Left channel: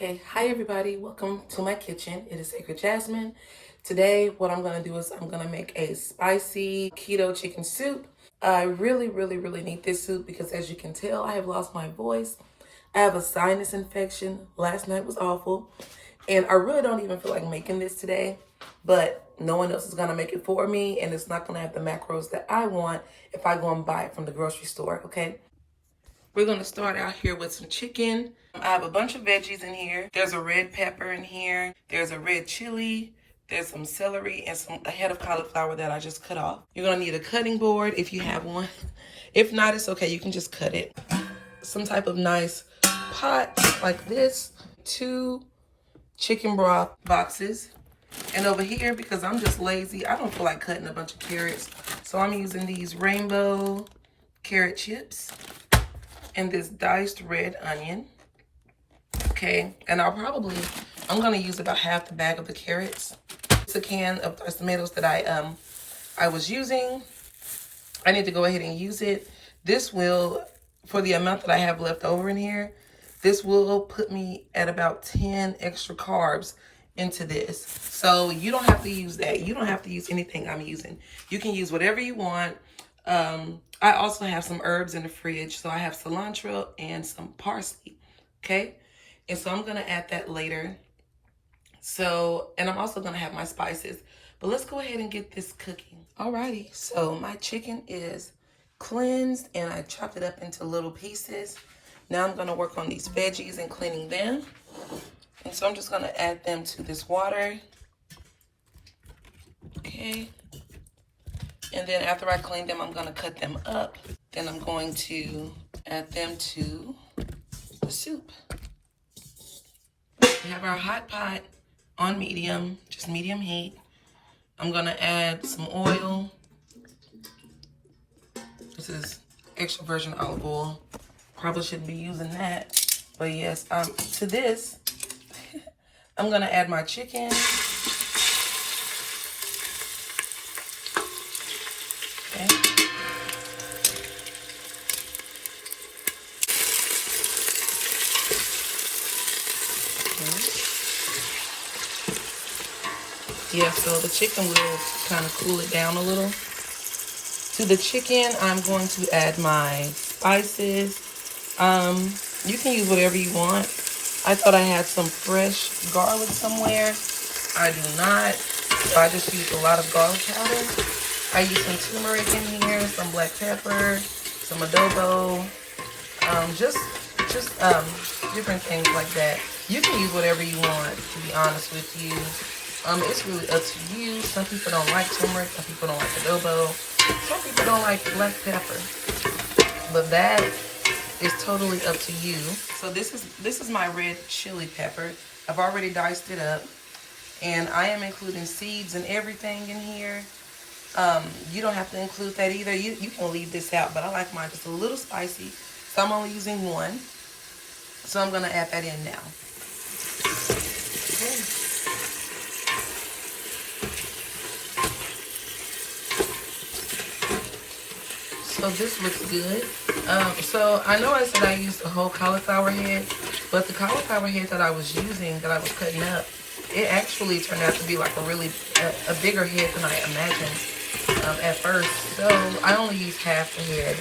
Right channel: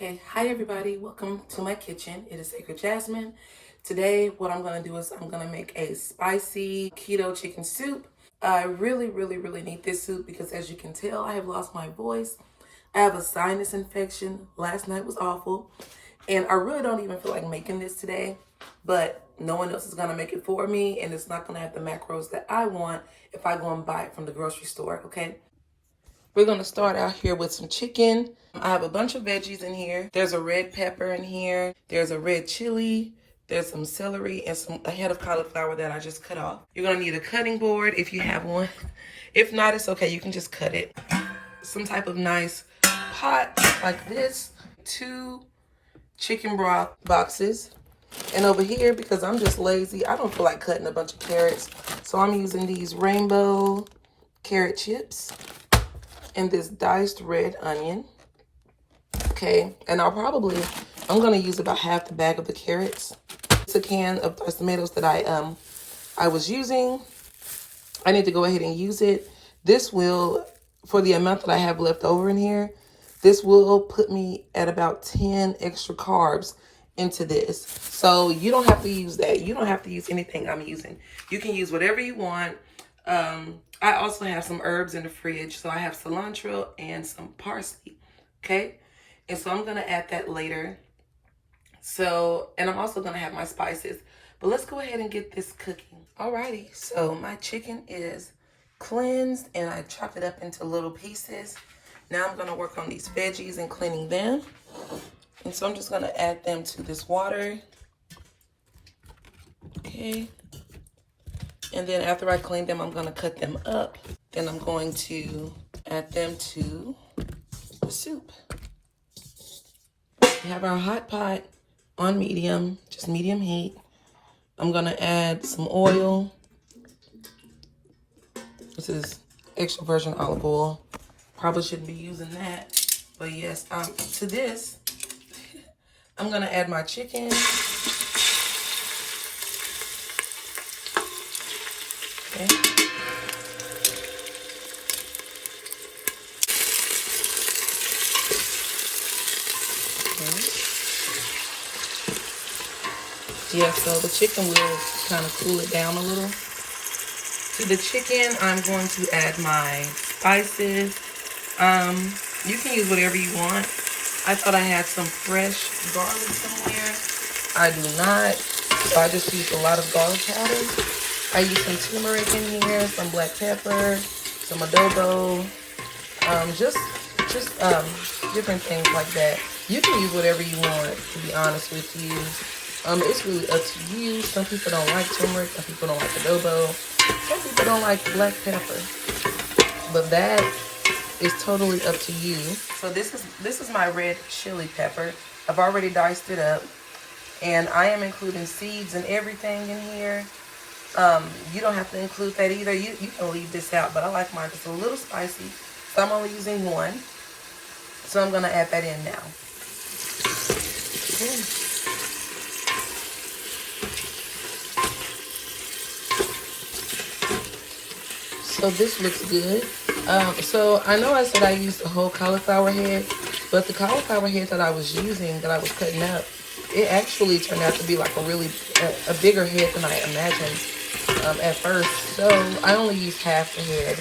Okay, hi everybody. Welcome to my kitchen. It is Sacred Jasmine. Today, what I'm gonna do is I'm gonna make a spicy keto chicken soup. I really need this soup because as you can tell, I have lost my voice. I have a sinus infection. Last night was awful. And I really don't even feel like making this today, but no one else is gonna make it for me and it's not gonna have the macros that I want if I go and buy it from the grocery store, okay? We're gonna start out here with some chicken. I have a bunch of veggies in here. There's a red pepper in here. There's a red chili. There's some celery and a head of cauliflower that I just cut off. You're gonna need a cutting board if you have one. If not, it's okay, you can just cut it. Some type of nice pot like this. 2 chicken broth boxes. And over here, because I'm just lazy, I don't feel like cutting a bunch of carrots. So I'm using these rainbow carrot chips and this diced red onion. Okay, and I'm gonna use about half the bag of the carrots. It's a can of diced tomatoes that I was using. I need to go ahead and use it. This will, for the amount that I have left over in here, this will put me at about 10 extra carbs into this. So you don't have to use that. You don't have to use anything I'm using. You can use whatever you want. I also have some herbs in the fridge. So I have cilantro and some parsley, okay? And so I'm gonna add that later. So, and I'm also gonna have my spices. But let's go ahead and get this cooking. Alrighty, so my chicken is cleansed and I chopped it up into little pieces. Now I'm gonna work on these veggies and cleaning them. And so I'm just gonna add them to this water. Okay. And then after I clean them, I'm gonna cut them up. Then I'm going to add them to the soup. We have our hot pot on medium, just medium heat. I'm gonna add some oil. This is extra virgin olive oil. Probably shouldn't be using that, but yes, to this, I'm gonna add my chicken. Okay. Yeah, so the chicken will kind of cool it down a little. To the chicken, I'm going to add my spices. You can use whatever you want. I thought I had some fresh garlic somewhere. I do not. So I just used a lot of garlic powder. I used some turmeric in here, some black pepper, some adobo, just different things like that. You can use whatever you want, to be honest with you. It's really up to you. Some people don't like turmeric, some people don't like adobo, some people don't like black pepper. But that is totally up to you. So this is my red chili pepper. I've already diced it up. And I am including seeds and everything in here. You don't have to include that either. You can leave this out, but I like mine just a little spicy. So I'm only using 1. So I'm gonna add that in now. Okay. So this looks good. So I know I said I used a whole cauliflower head, but the cauliflower head that I was using, that I was cutting up, it actually turned out to be like a bigger head than I imagined at first. So I only used half the head.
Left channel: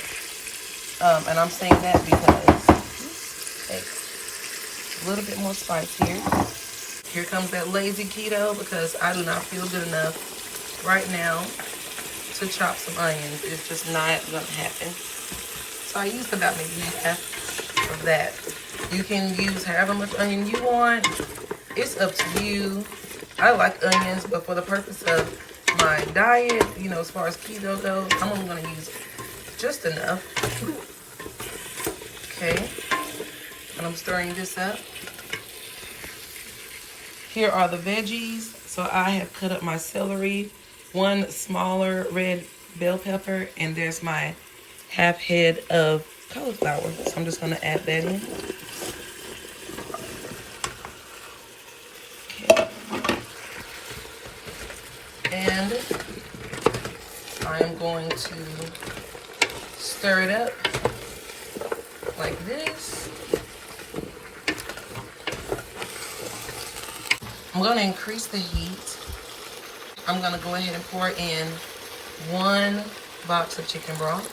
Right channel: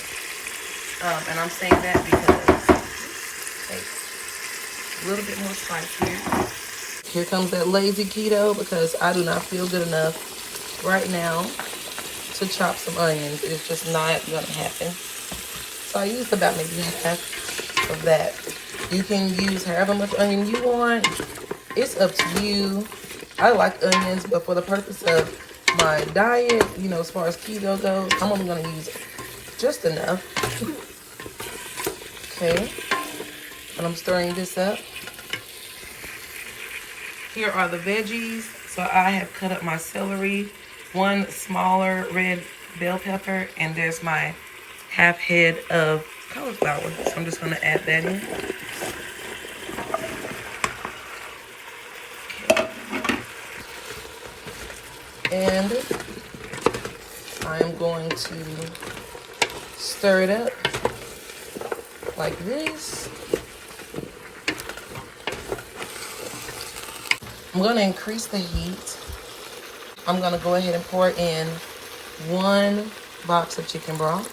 And I'm saying that because a little bit more spice here. Here comes that lazy keto because I do not feel good enough right now to chop some onions. It's just not gonna happen. So I used about maybe half of that. You can use however much onion you want. It's up to you. I like onions, but for the purpose of my diet, you know, as far as keto goes, I'm only gonna use just enough. Okay, and I'm stirring this up. Here are the veggies. So I have cut up my celery, 1 smaller red bell pepper, and there's my half head of cauliflower. So I'm just gonna add that in. Okay. And I'm going to stir it up like this. I'm gonna increase the heat. I'm gonna go ahead and pour in 1 box of chicken broth.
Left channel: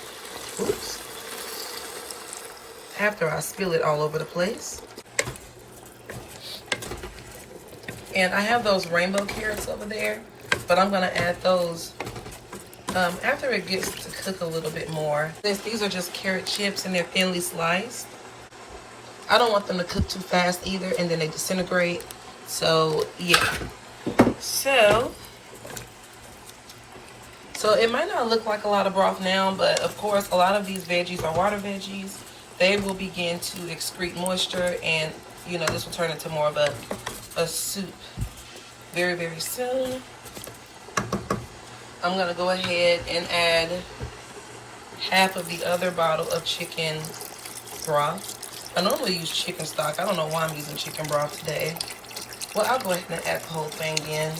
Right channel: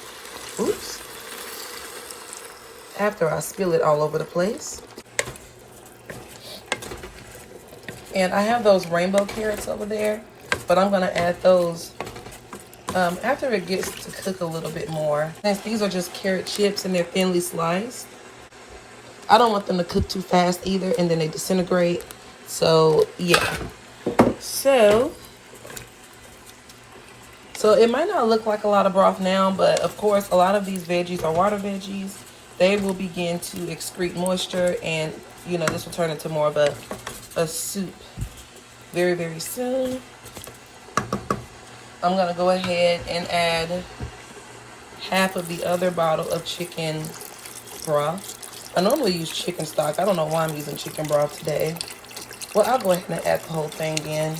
Oops. After I spill it all over the place. And I have those rainbow carrots over there, but I'm gonna add those after it gets to cook a little bit more. Since these are just carrot chips and they're thinly sliced, I don't want them to cook too fast either and then they disintegrate. So yeah. So it might not look like a lot of broth now, but of course a lot of these veggies are water veggies. They will begin to excrete moisture, and you know, this will turn into more of a soup very, very soon. I'm gonna go ahead and add half of the other bottle of chicken broth. I normally use chicken stock. I don't know why I'm using chicken broth today. Well, I'll go ahead and add the whole thing in.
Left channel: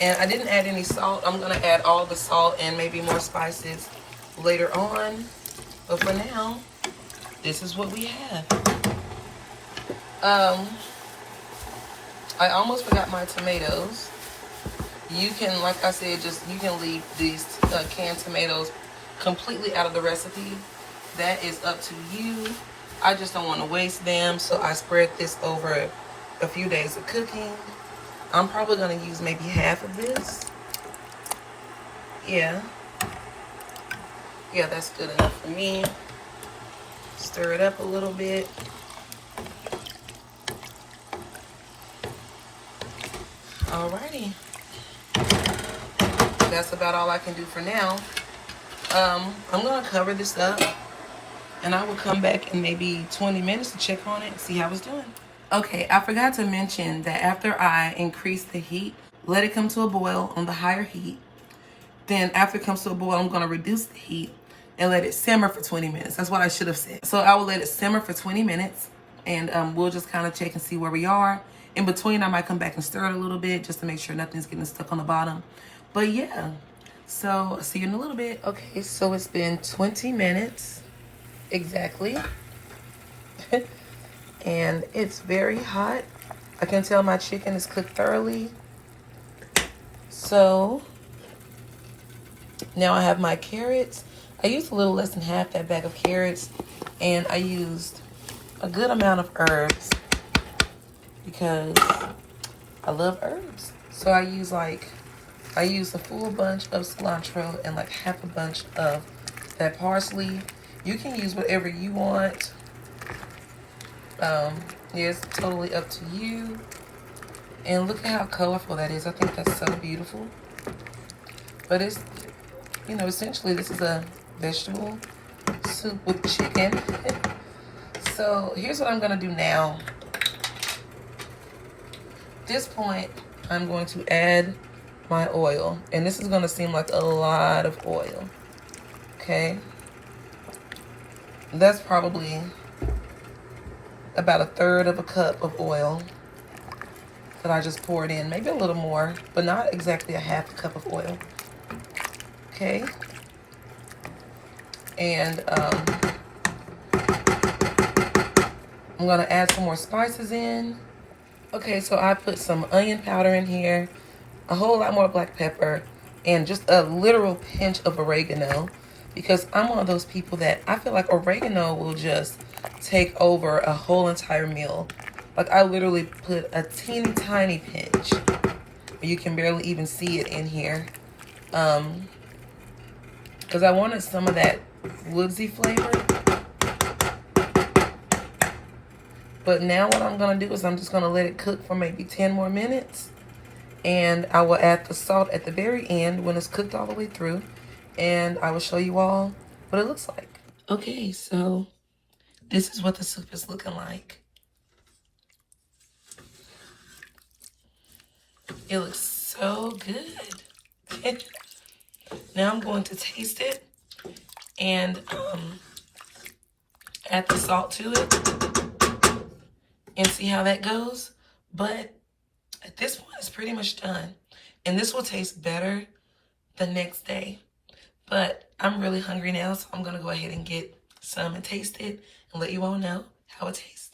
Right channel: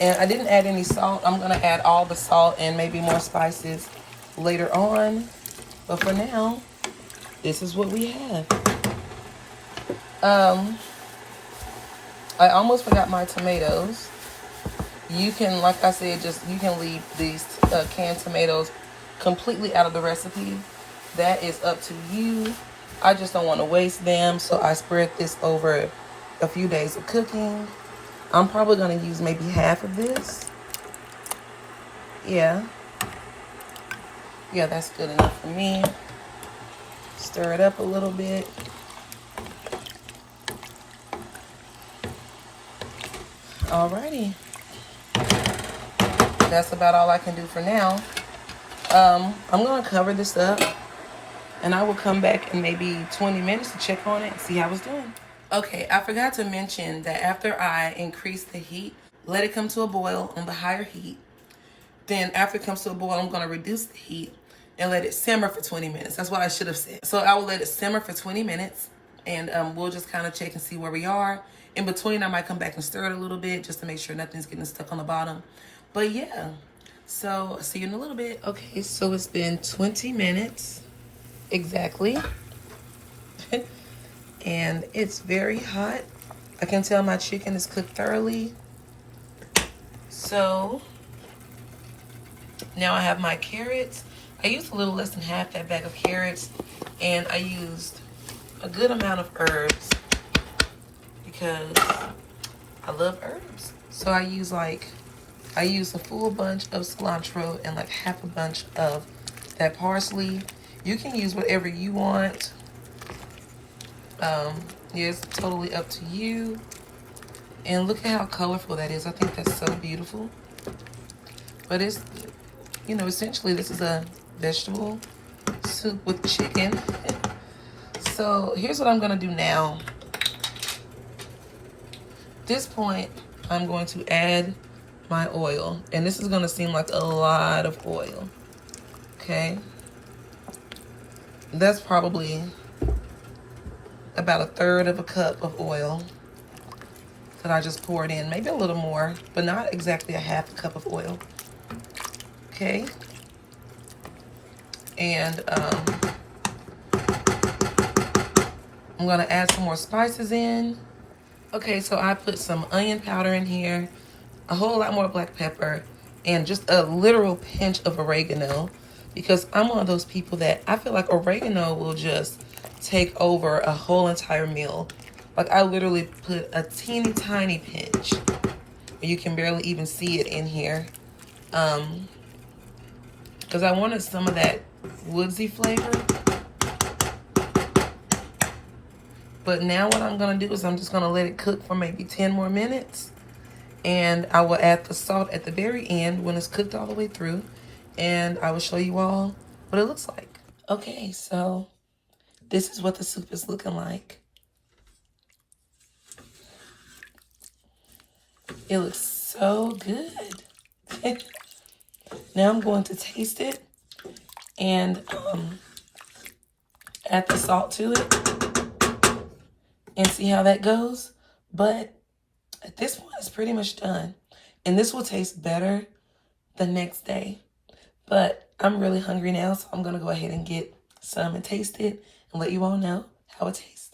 And I didn't add any salt. I'm gonna add all the salt and maybe more spices later on. But for now, this is what we have. I almost forgot my tomatoes. You can, like I said, you can leave these canned tomatoes completely out of the recipe. That is up to you. I just don't want to waste them, so I spread this over a few days of cooking. I'm probably going to use maybe half of this. Yeah, that's good enough for me. Stir it up a little bit. Alrighty. That's about all I can do for now. I'm going to cover this up, and I will come back in maybe 20 minutes to check on it and see how it's doing. Okay, I forgot to mention that after I increase the heat, let it come to a boil on the higher heat. Then after it comes to a boil, I'm going to reduce the heat and let it simmer for 20 minutes. That's what I should have said. So I will let it simmer for 20 minutes, and we'll just kind of check and see where we are. In between, I might come back and stir it a little bit just to make sure nothing's getting stuck on the bottom. But yeah, so I'll see you in a little bit. Okay, so it's been 20 minutes exactly. And it's very hot. I can tell my chicken is cooked thoroughly. So now I have my carrots. I used a little less than half that bag of carrots, and I used a good amount of herbs because I love herbs. So I use a full bunch of cilantro and like half a bunch of that parsley. You can use whatever you want. Yeah, it's totally up to you. And look at how colorful that is. I think that's so beautiful. But it's, you know, essentially this is a vegetable soup with chicken. So here's what I'm gonna do now. At this point, I'm going to add my oil. And this is gonna seem like a lot of oil. Okay. That's probably about 1/3 of a cup of oil that I just poured in. Maybe a little more, but not exactly a half a cup of oil. Okay. And I'm gonna add some more spices in. Okay, so I put some onion powder in here, a whole lot more black pepper, and just a literal pinch of oregano, because I'm one of those people that I feel like oregano will just take over a whole entire meal. Like I literally put a teeny tiny pinch. You can barely even see it in here. Because I wanted some of that woodsy flavor. But now what I'm going to do is I'm just going to let it cook for maybe 10 more minutes. And I will add the salt at the very end when it's cooked all the way through. And I will show you all what it looks like. Okay, so this is what the soup is looking like. It looks so good. Now I'm going to taste it and add the salt to it and see how that goes. But at this point, it's pretty much done. And this will taste better the next day. But I'm really hungry now, so I'm going to go ahead and get some and taste it and let you all know how it tastes.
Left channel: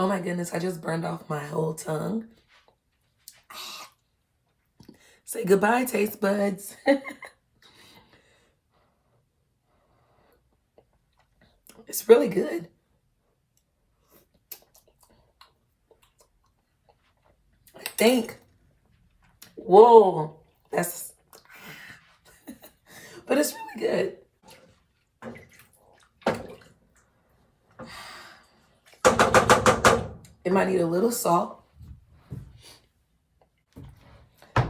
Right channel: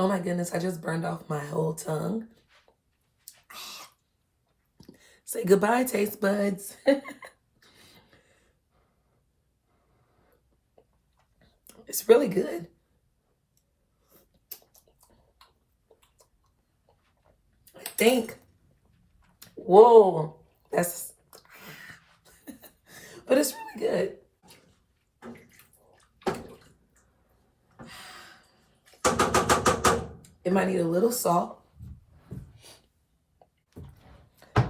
Oh my goodness, I just burned off my whole tongue. Say goodbye, taste buds. It's really good. I think. Whoa, that's, but it's really good. It might need a little salt.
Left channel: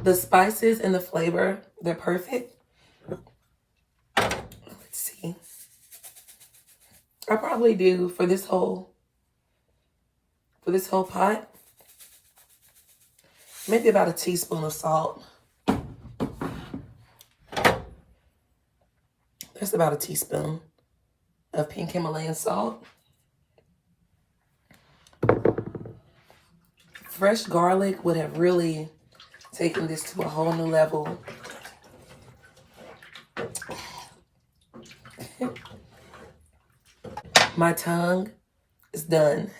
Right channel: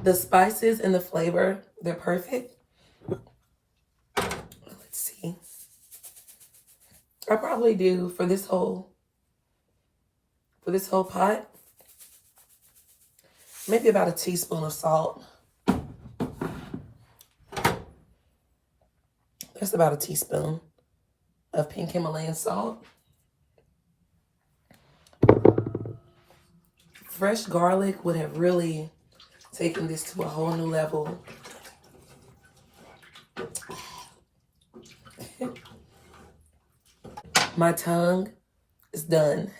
The spices and the flavor, they're perfect. Let's see. I probably do for this whole pot, maybe about a teaspoon of salt. That's about a teaspoon of pink Himalayan salt. Fresh garlic would have really taken this to a whole new level. My tongue is done.